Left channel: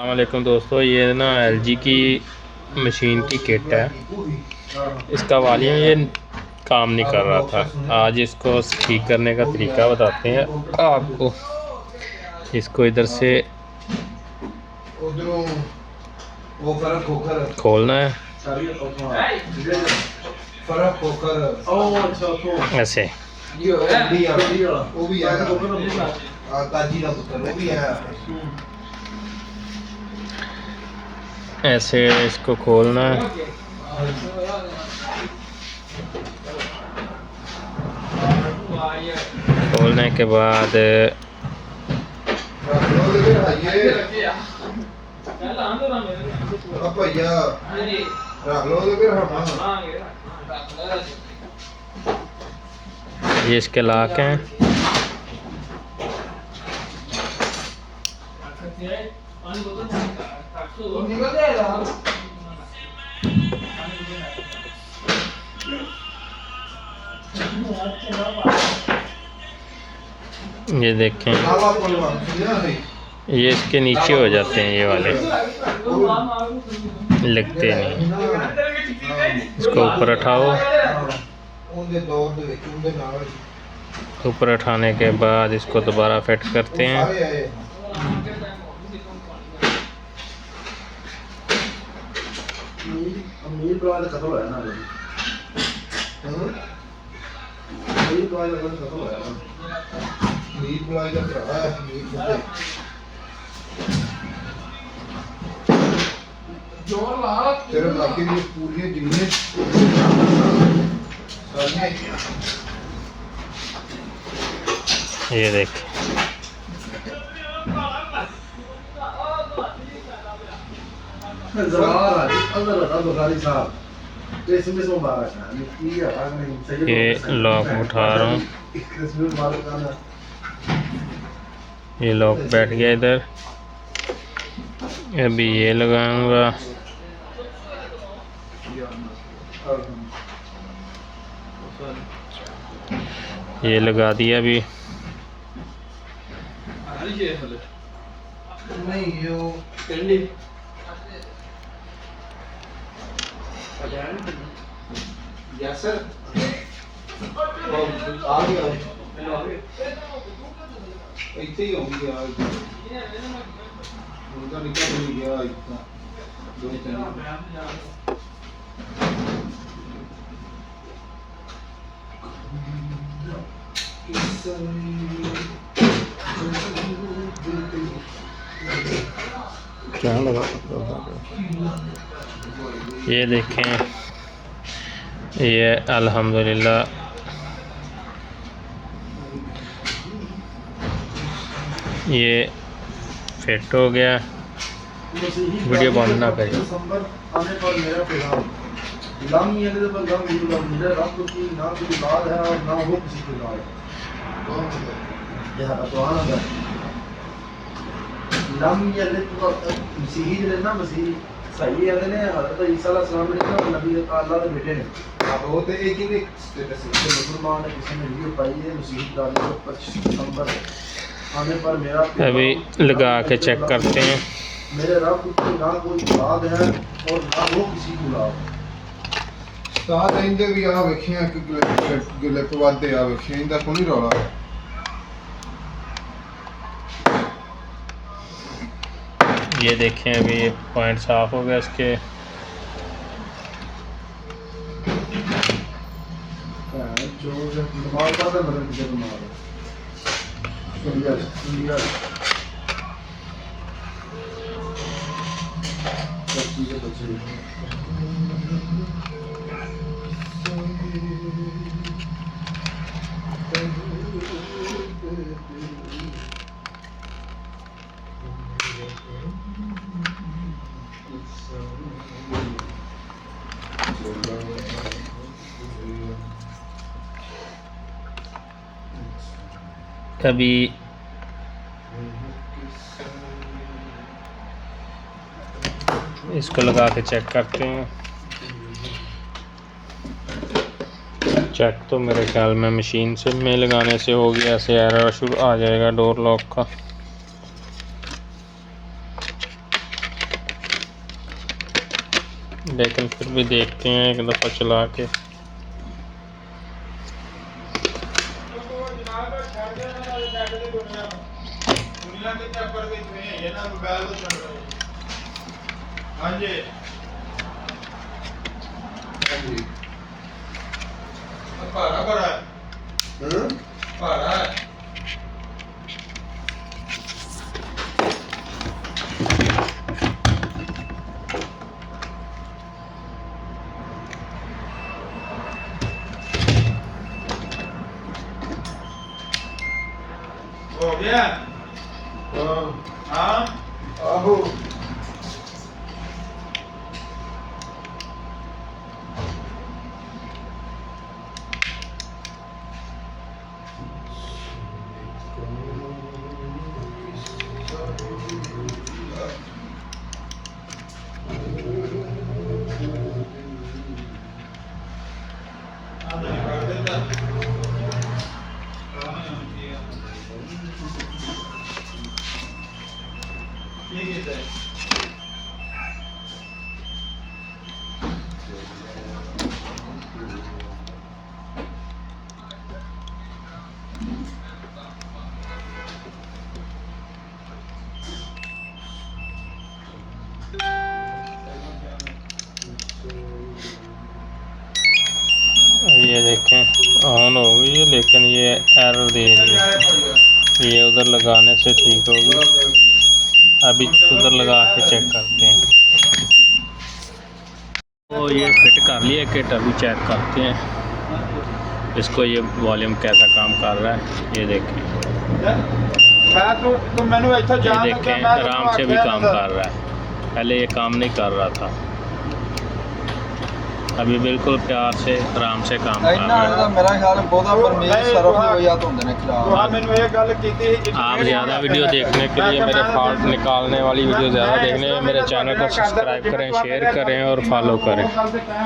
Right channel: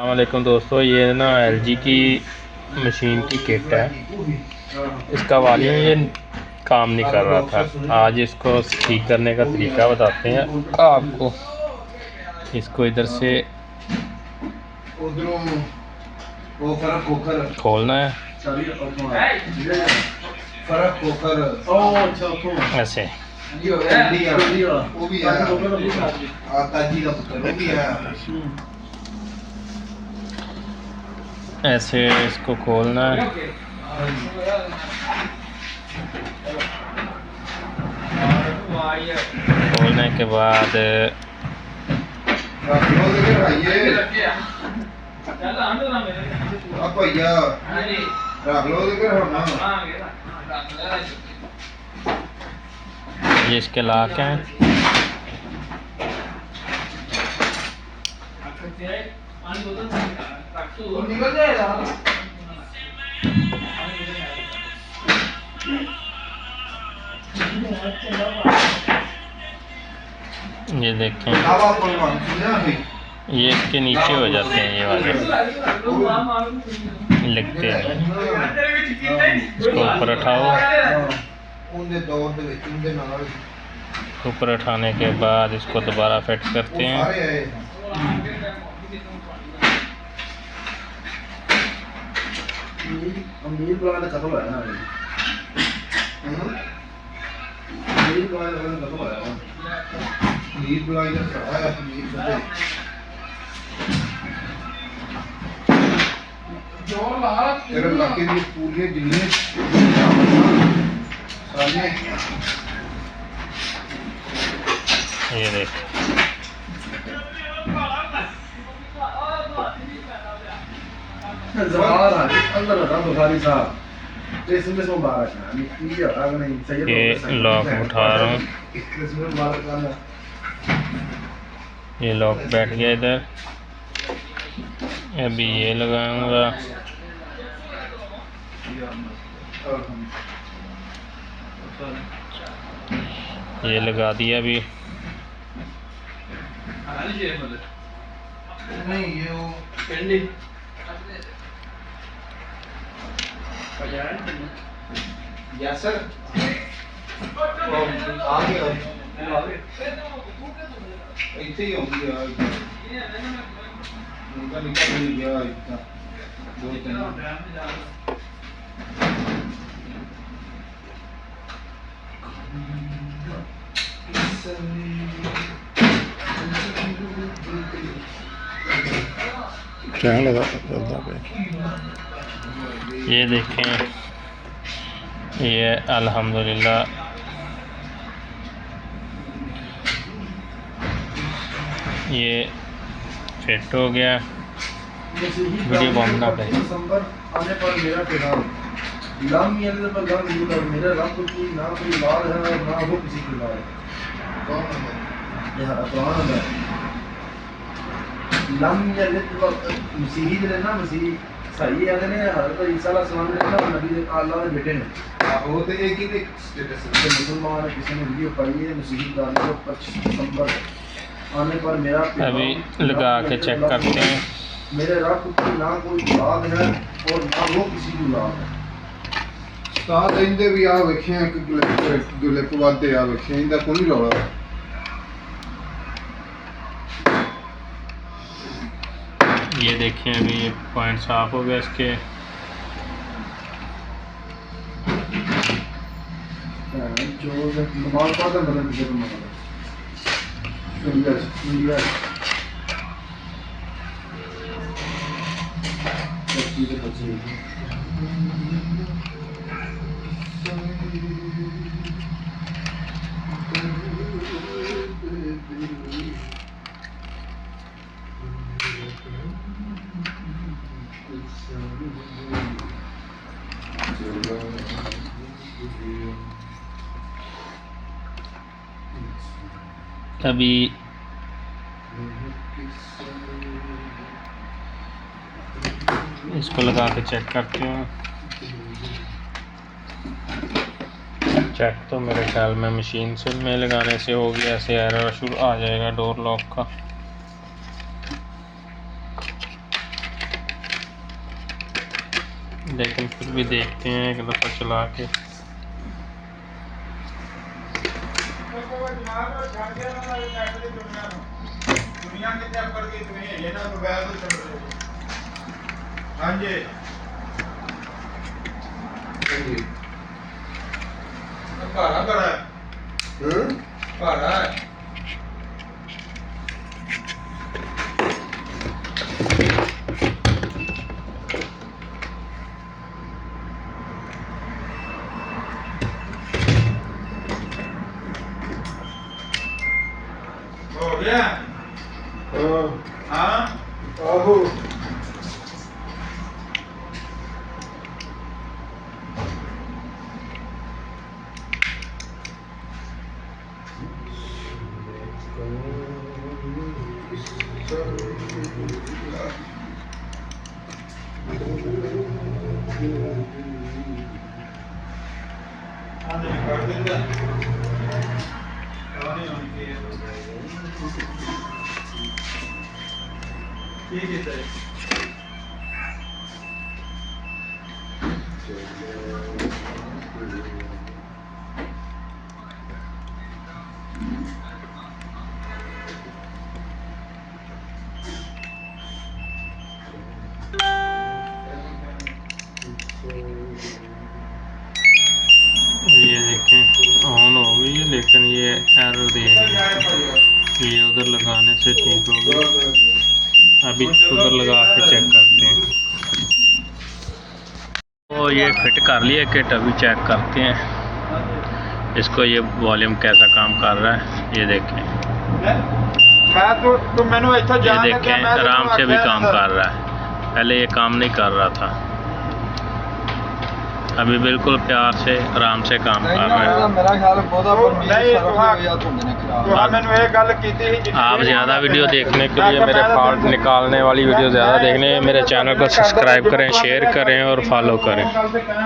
अस्सलामुअलैकुम दोस्तों, ये ना एलजी की मशीन की किट है। इसका वॉल्यूम ये काम नहीं कर रहा था। आज इसको ठीक करने का तरीका बताते हैं आपको। इसको इधर से खोलना है ऐसे। ऐसे इसको खोलना है। खोलने के बाद ये इसके लॉक हैं। ये देखें, ये इसके नीचे हो जाते हैं, ये वाले लगते नहीं। इसको ऊपर उठाओ। ऊपर उठाने के बाद इसको दोबारा फिट करते हैं। ये देख, ये लॉक उठा रहा हूँ। ये लॉक बैठ गया इधर। अभी ये लगाऊंगा। ये लगा दिया अभी। क्या लगा? ये देखें, ये अल्हम्दुलिल्लाह ये फिट हो गया। वीडियो बंद ना करें। मसीही जिहड़े ना मसीही सही है ने हज़रत ईसा अलैहिस्सलाम ने ना नबी अल्लाह दे बेटे ने वो तो एक ही स्टेटस है। मुसलमान किसी ने वीडियो पाई है मसीही डाली को 25 दिसंबर आने पर मेरा अभी लगा के चेक करते हैं। मेरे रब की ना कोई औलाद है और ना वो किसी की औलाद है। साथ इंदे भी आ वेखे कि जो लेपवादे आ वेखे इंदा कोई रौला है। ये देखें, अभी ये पॉइंट साफ हो गया इसके। जो नमाज पढ़ता बदल के नमाज इंडिया चीज़ें बची अभी इसको लगा के चेक करते हैं। चेक तो मेरे ख्याल में मशीन से में लगाने से हो गया, ऐसे एरर शुरू आ जाएगा डोर लॉक का। लेकिन फिर भी देखते हैं एक दफ़ा चला के। दुनिया के चक्कर के इतने है ये ना मोबाइल तो चल रहे हैं। हाँ जी भाड़ा बड़ा है, भाड़ा है। हो गया हाँ आहो कर देता ठीक है ये देखें ऑन हो गई है, लेकिन ये एरर दे रही है। ये उधर लगाने से ठीक होगी। अभी उधर लगा के चेक करते हैं। तो ये फिट कर लिया किट, अभी चेक करते हैं इसको ये वॉल्यूम कैसा काम कर रहा है। ये देखें, ये देखें आराम से भी काम कर रहा है। पहले ये काम नहीं कर रहा था, अभी बिल्कुल प्यार से आराम से काम कर रहा है। मेरा ख्याल बहुता पर मेरी सरफ हो या तो होंगे ने खराब। मैंने ये गल की आप ज़्यादा वीडियो देखने के लिए, मेरे फॉल्ट निकालने वाली वीडियो ज़्यादा देखने, मेरे चैनल को सब्सक्राइब करें, शेयर करें और फॉलो करें।